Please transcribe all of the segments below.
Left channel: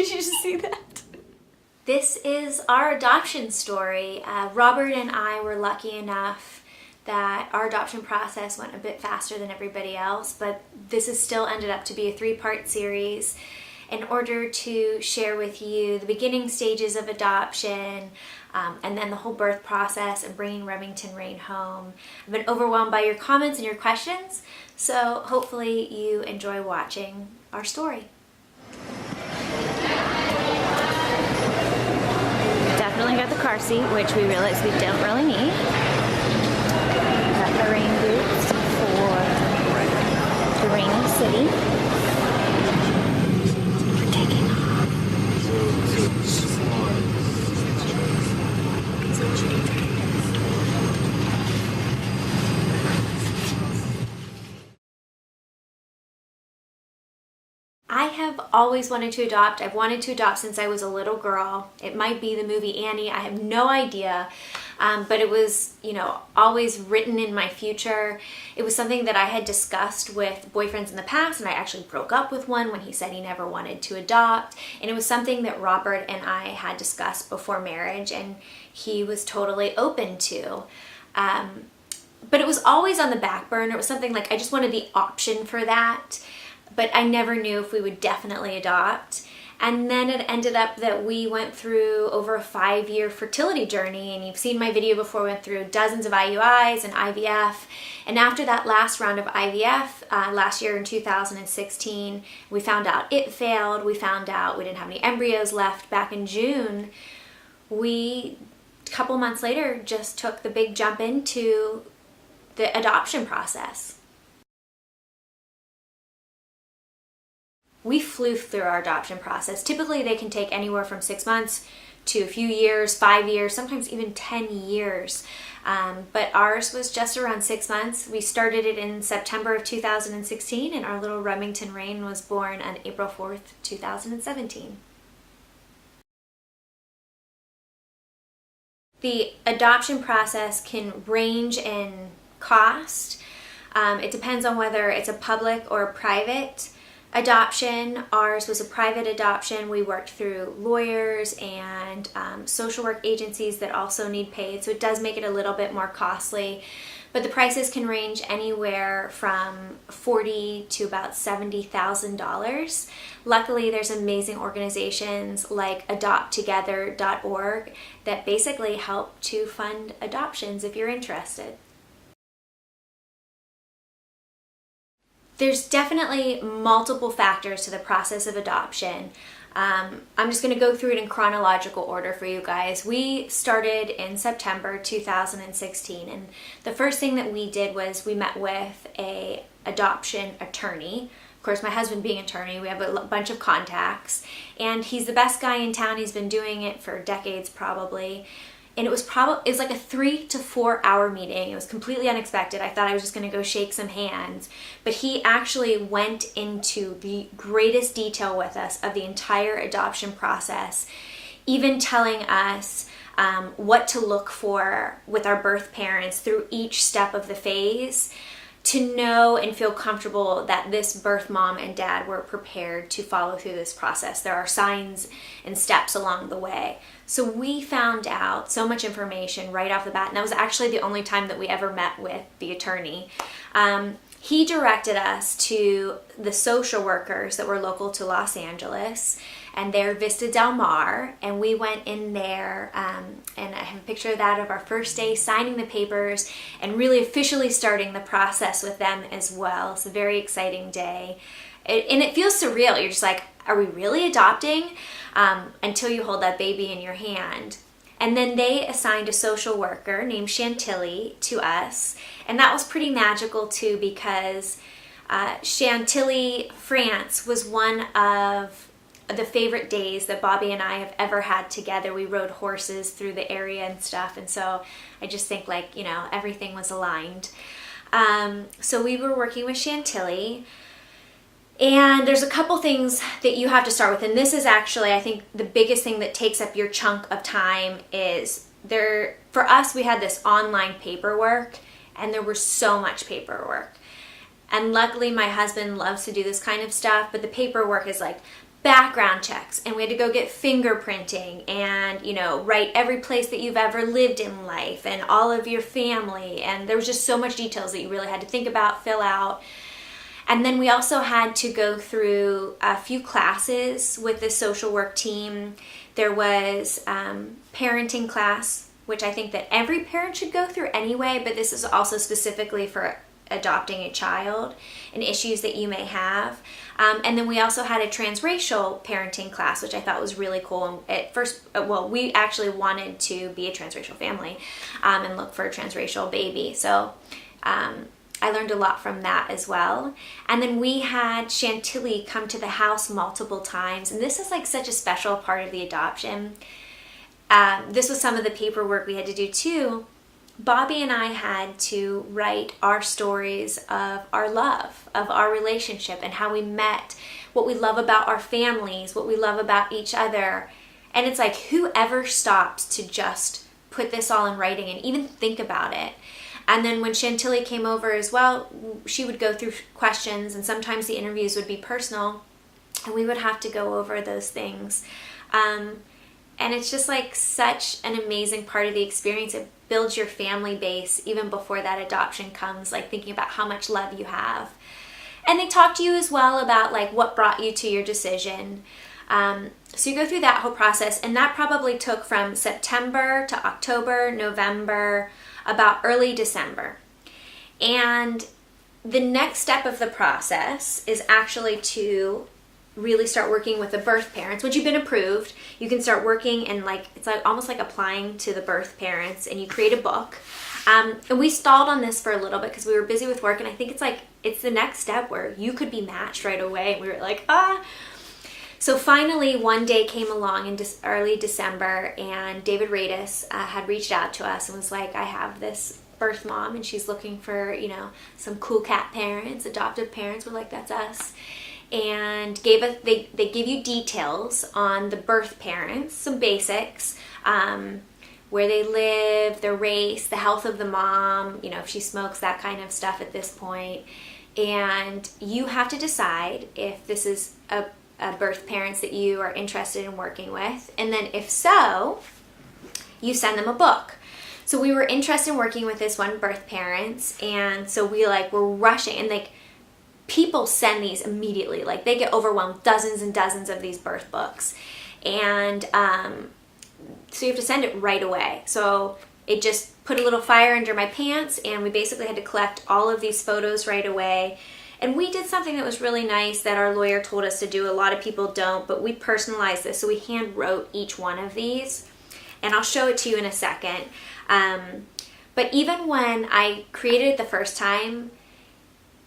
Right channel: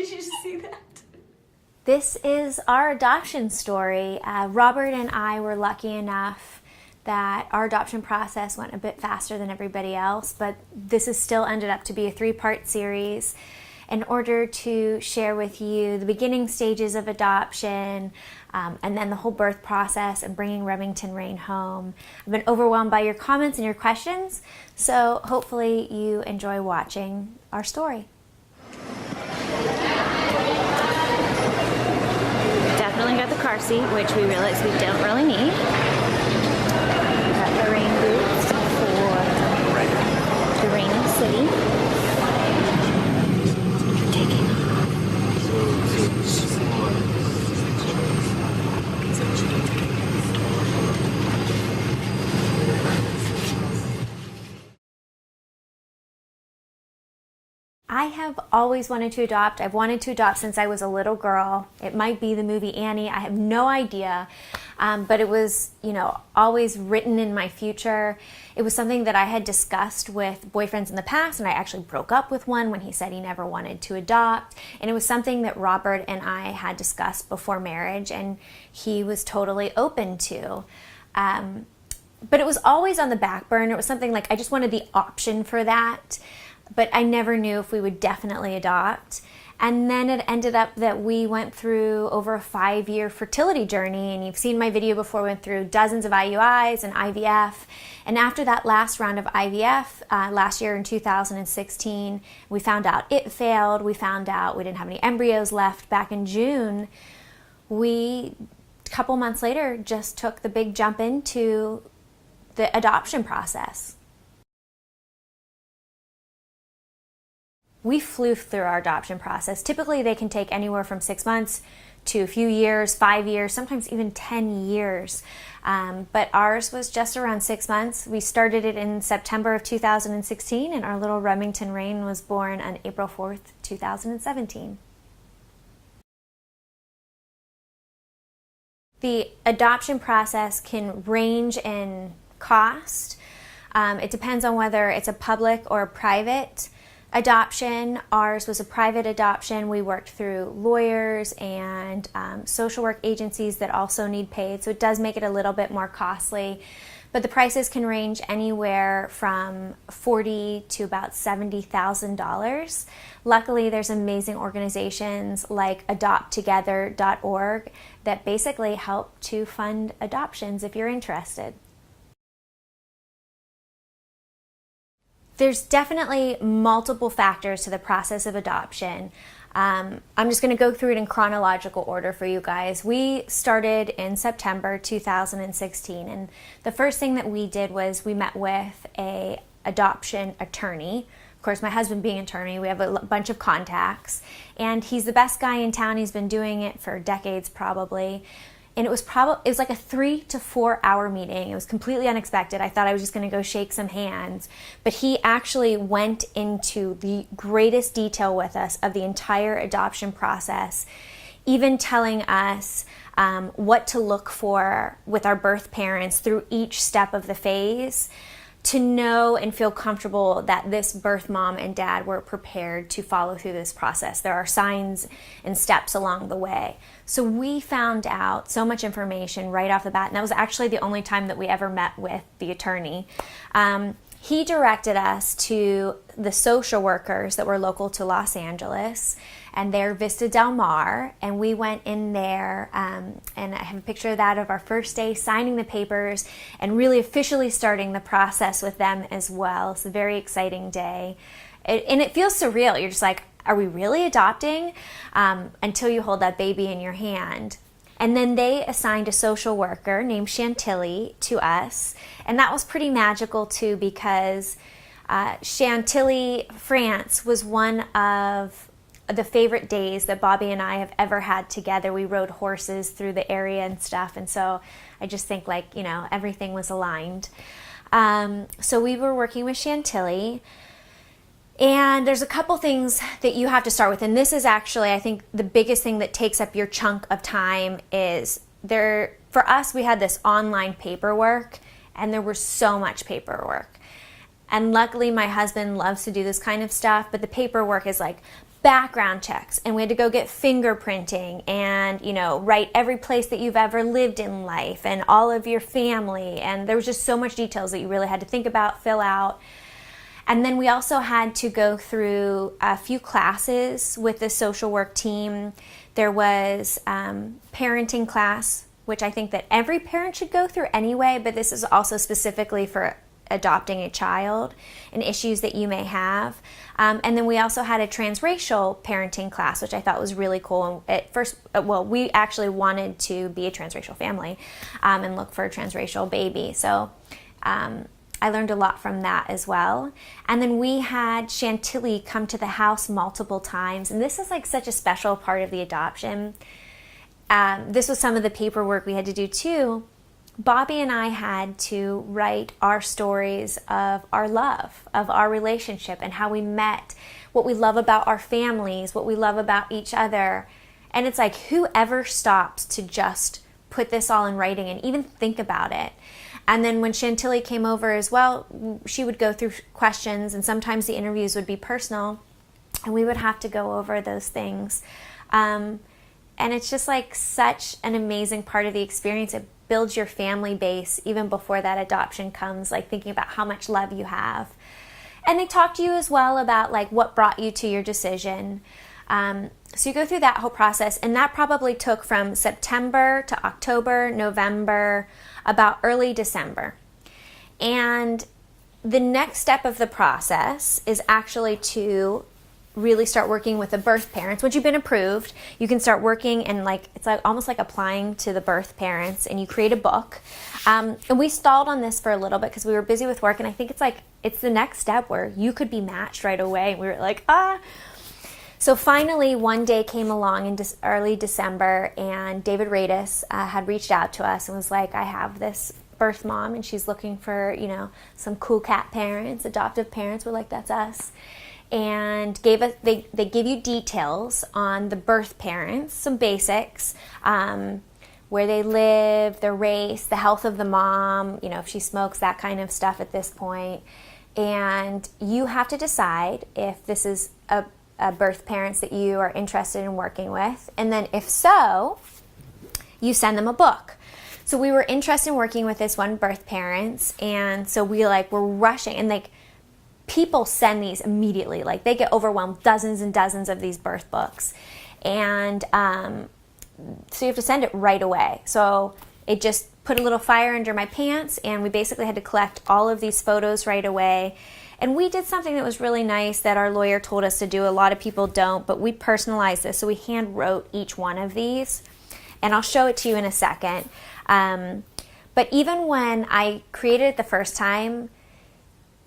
Did you just see that? This is our adoption story. Robert and I were lucky enough that our adoption process went a bit faster than everybody else, but this has still ended up to be a 3-part series in order to share with you the beginning stages of adoption, and then the whole birth process and bringing Remington Rain home. I've been overwhelmed by your comments and your questions, so hopefully you enjoy watching our story. Definitely got the car seat, which we realized we don't really need. Got the rain boots for the raining city. Taking off. I have always wanted to adopt. I've wanted to adopt since I was a little girl. It might be the movie Annie. I have no idea. But it was, always written in my future. It was something that I had discussed with boyfriends in the past, and I actually broke up with one when he said he never wanted to adopt. And it was something that Robert and I had discussed before marriage, and he was totally open to. But it was always on the back burner. It was something like I just wanted the option for that, but I never knew if we would definitely adopt. And then it ended up that we went through over a 5-year fertility journey, and you've seen my video before. We went through dozens of IUIs and IVF. And after that last round of IVF, last year in 2016, we found out it failed. We found out we didn't have any embryos left back in June. A couple months later, just took the big jump into the adoption process. We flew through our adoption process. Typically, they can take anywhere from 6 months to a few years, 5 years, sometimes even 10 years. But ours was just around 6 months. We started it in September of 2016, and our little Remington Rain was born on April 4th, 2017. The adoption process can range in cost. It depends on whether it's a public or a private adoption. Ours was a private adoption. We worked through lawyers and social work agencies that also need paid, so it does make it a little bit more costly. But the prices can range anywhere from $40,000 to about $70,000. Luckily, there's amazing organizations like adopttogether.org that basically help to fund adoptions if you're interested. There's definitely multiple factors to the process of adoption. I'm just going to go through it in chronological order for you guys. We started in September 2016, and the first thing that we did was we met with a adoption attorney. Of course, my husband being an attorney, we have a bunch of contacts, and he's the best guy in town. He's been doing it for decades probably. And it was like a 3 to 4 hour meeting. It was completely unexpected. I thought I was just going to go shake some hands. But he actually went into the greatest detail with us of the entire adoption process, even telling us what to look for with our birth parents through each step of the phase, to know and feel comfortable that this birth mom and dad were prepared to follow through this process. There are signs and steps along the way. So we found out so much information right off the bat, and that was actually the only time that we ever met with the attorney. He directed us to the social workers that were local to Los Angeles, and they're Vista Del Mar, and we went in there, and I have a picture of that of our first day signing the papers and really officially starting the process with them as well. It's a very exciting day. And it feels surreal. You're just like, are we really adopting? Until you hold that baby in your hand. And then they assigned a social worker named Chantilly to us. And that was pretty magical too, because Chantilly, France was one of the favorite days that Bobby and I have ever had together. We rode horses through the area and stuff. And so I just think everything was aligned. So we were working with Chantilly. And there's a couple things that you have to start with. And this is actually, I think, the biggest thing that takes up your chunk of time is for us, we had this online paperwork, and there was so much paperwork. And luckily, my husband loves to do this kind of stuff, but the paperwork is like background checks, and we had to go get fingerprinting and, you know, write every place that you've ever lived in life and all of your family. And there was just so much details that you really had to think about, fill out. And then we also had to go through a few classes with the social work team. There was parenting class, which I think that every parent should go through anyway, but this is also specifically for adopting a child and issues that you may have. And then we also had a transracial parenting class, which I thought was really cool. At first, well, we actually wanted to be a transracial family and look for a transracial baby. So I learned a lot from that as well. And then we had Chantilly come to the house multiple times. And this is like such a special part of the adoption. This was some of the paperwork we had to do too. Bobby and I had to write our stories of our love, of our relationship and how we met, what we love about our families, what we love about each other. And it's like, whoever stops to just put this all in writing and even think about it. And then when Chantilly came over as well, she would go through questions, and sometimes the interviews would be personal, and we would have to go over those things. And it's just like such an amazing part of the experience. It builds your family base even before that adoption comes, like thinking about how much love you have. And they talk to you as well about like what brought you to your decision. So you go through that whole process, and that probably took from September to October, November, about early December. And the next step of the process is actually to really start working with the birth parents. Once you've been approved, you can start working, and like it's like almost like applying to the birth parents, and you create a book. And we stalled on this for a little bit because we were busy with work, and I think it's the next step where you could be matched right away. We were like, So finally, one day came along in early December, and David Radis had reached out to us and was like, I have this birth mom, and she's looking for, you know, some cool cat parents, adoptive parents. We're like, that's us. And they give you details on the birth parents, some basics, where they live, their race, the health of the mom, you know, if she smokes, that kind of stuff at this point. And you have to decide if this is a birth parents that you are interested in working with. And then if so, you send them a book. So we were interested in working with this one birth parents, and so we were rushing, and people send these immediately. Like they get overwhelmed, dozens and dozens of these birth books. And so you have to send it right away. So it just put a little fire under my pants, and we basically had to collect all of these photos right away. And we did something that was really nice that our lawyer told us to do. A lot of people don't, but we personalized this. So we hand wrote each one of these, and I'll show it to you in a second. But even when I created it the first time,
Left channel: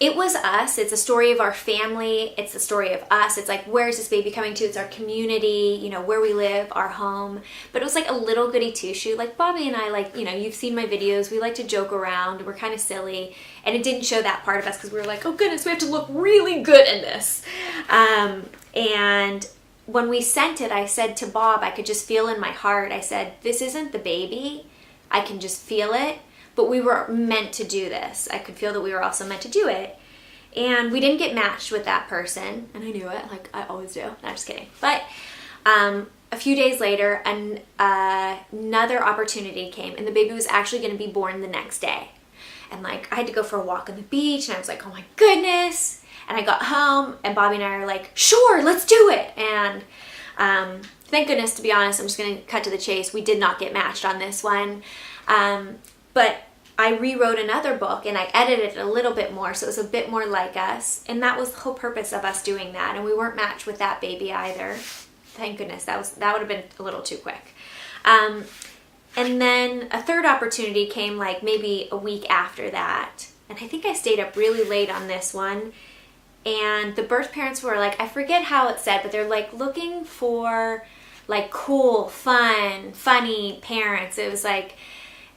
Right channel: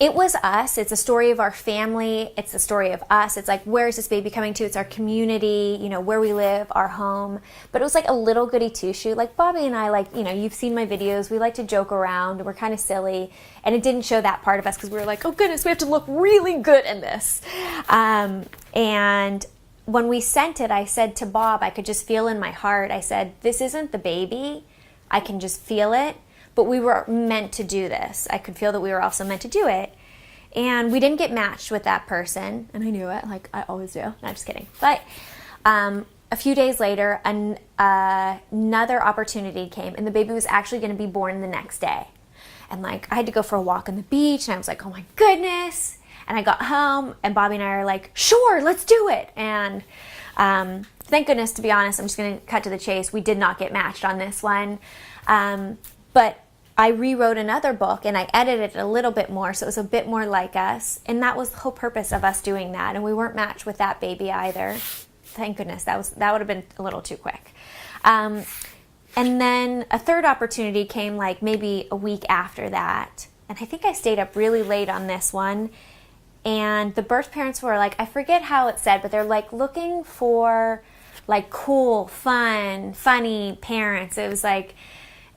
it was us. It's a story of our family. It's the story of us. It's like, where's this baby coming to? It's our community, you know, where we live, our home. But it was like a little goody two-shoe. Like Bobby and I, you know, you've seen my videos. We like to joke around. We're kind of silly. And it didn't show that part of us because we were like, oh goodness, we have to look really good in this. And when we sent it, I said to Bob, I could just feel in my heart, I said, this isn't the baby. I can just feel it. But we were meant to do this. I could feel that we were also meant to do it. And we didn't get matched with that person. And I knew it, like I always do. No, I'm just kidding. But a few days later, another opportunity came. And the baby was actually going to be born the next day. And I had to go for a walk on the beach. And I was like, oh my goodness. And I got home. And Bobby and I are like, sure, let's do it. And thank goodness, to be honest, I'm just going to cut to the chase. We did not get matched on this one. But I rewrote another book, and I edited it a little bit more, so it was a bit more like us. And that was the whole purpose of us doing that. And we weren't matched with that baby either. Thank goodness. That would have been a little too quick. And then a third opportunity came maybe a week after that. And I think I stayed up really late on this one. And the birth parents were I forget how it said, but they're looking for cool, fun, funny parents. It was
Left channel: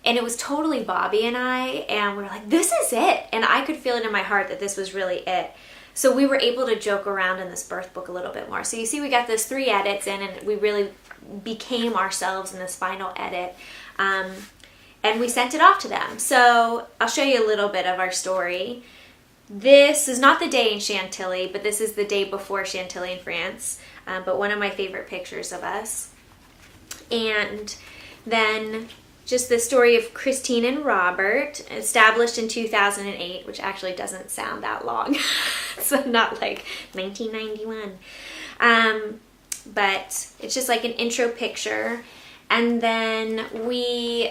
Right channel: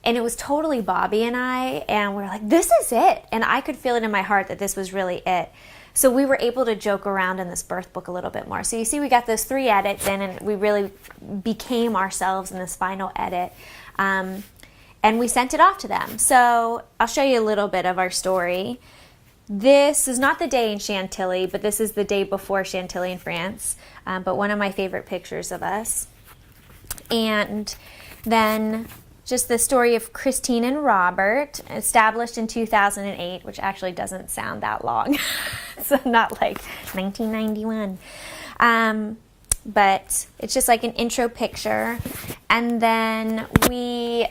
and it was totally Bobby and I, and we were like, this is it. And I could feel it in my heart that this was really it. So we were able to joke around in this birth book a little bit more. So you see, we got those 3 edits in, and we really became ourselves in this final edit. And we sent it off to them. So I'll show you a little bit of our story. This is not the day in Chantilly, but this is the day before Chantilly in France. But one of my favorite pictures of us. And then just the story of Christine and Robert, established in 2008, which actually doesn't sound that long. So not like 1991. But it's just like an intro picture. And then we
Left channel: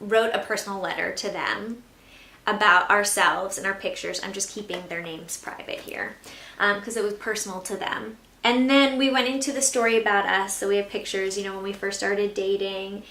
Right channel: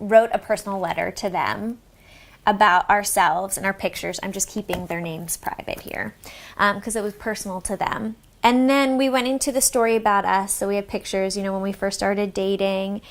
wrote a personal letter to them about ourselves and our pictures. I'm just keeping their names private here because it was personal to them. And then we went into the story about us. So we have pictures, when we first started dating,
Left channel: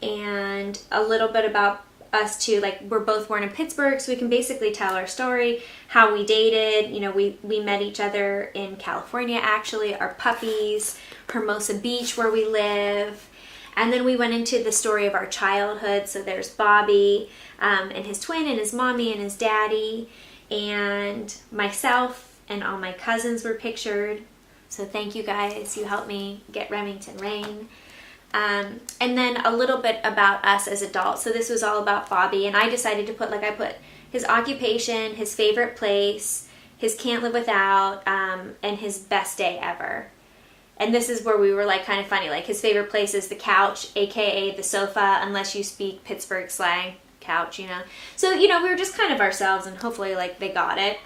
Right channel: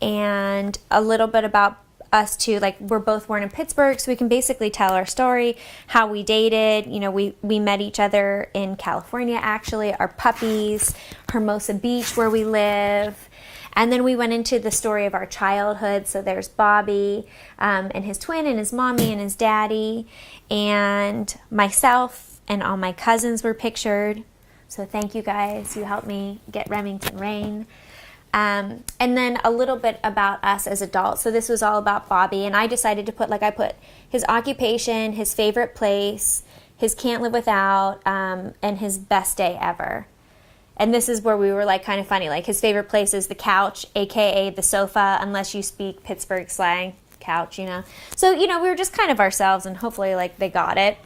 and a little bit about us too. Like, we're both born in Pittsburgh, so we can basically tell our story, how we dated. We met each other in California, actually, our puppies, Hermosa Beach, where we live. And then we went into the story of our childhood. So there's Bobby and his twin and his mommy and his daddy, and myself and all my cousins were pictured. So thank you guys. You helped me get Remington Rain. And then a little bit about us as adults. So this was all about Bobby, and I decided to put, I put his occupation, his favorite place, his can't live without, and his best day ever. And this is where we were kind of funny. His favorite place is the couch, aka the sofa, unless you speak Pittsburgh slang, couch, So, we were just kind of ourselves, and hopefully they got it.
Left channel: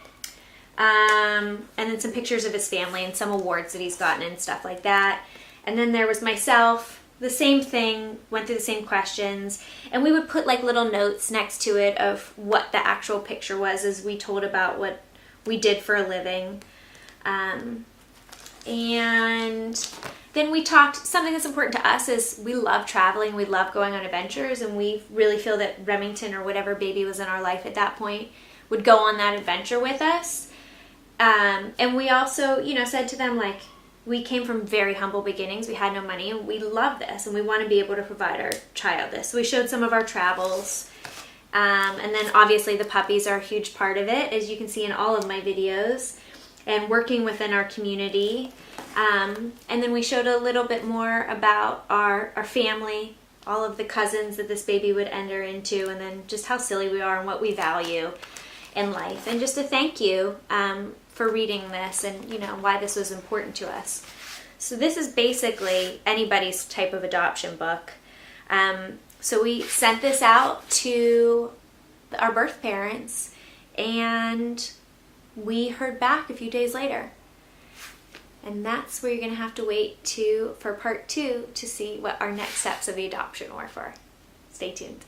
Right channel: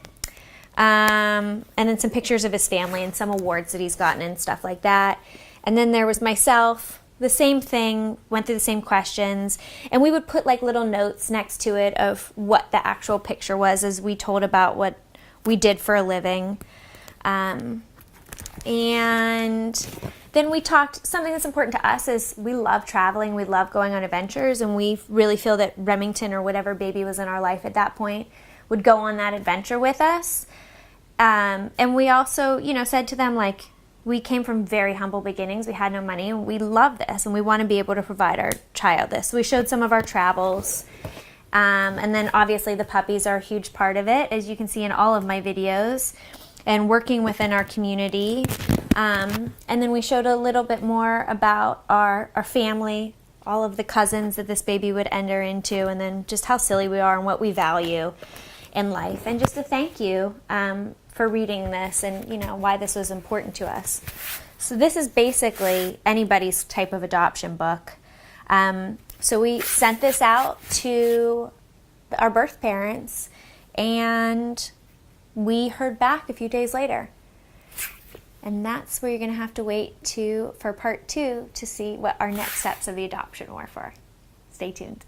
And then some pictures of his family and some awards that he's gotten and stuff like that. And then there was myself, the same thing, went through the same questions. And we would put little notes next to it of what the actual picture was as we told about what we did for a living. And then we talked, something that's important to us is we love traveling, we love going on adventures, and we really feel that Remington, or whatever baby was in our life at that point, would go on that adventure with us. And we also, said to them, we came from very humble beginnings. We had no money, and we love this, and we want to be able to provide our child this. So we showed some of our travels. And then obviously the puppies are a huge part of it, as you can see in all of my videos, and working within our community. And then we showed a little bit more about our family, all of the cousins that this baby would enter into, and then just how silly we are and what we value in life. And just a thank you for reading this, and why this was important to us. So this is basically anybody's type of adoption book. So we sent this out to our birth parents, and we heard back a few days later. And that's where you're going to have to wait for part 2 to see what our next steps of the adoption were for. Stay tuned.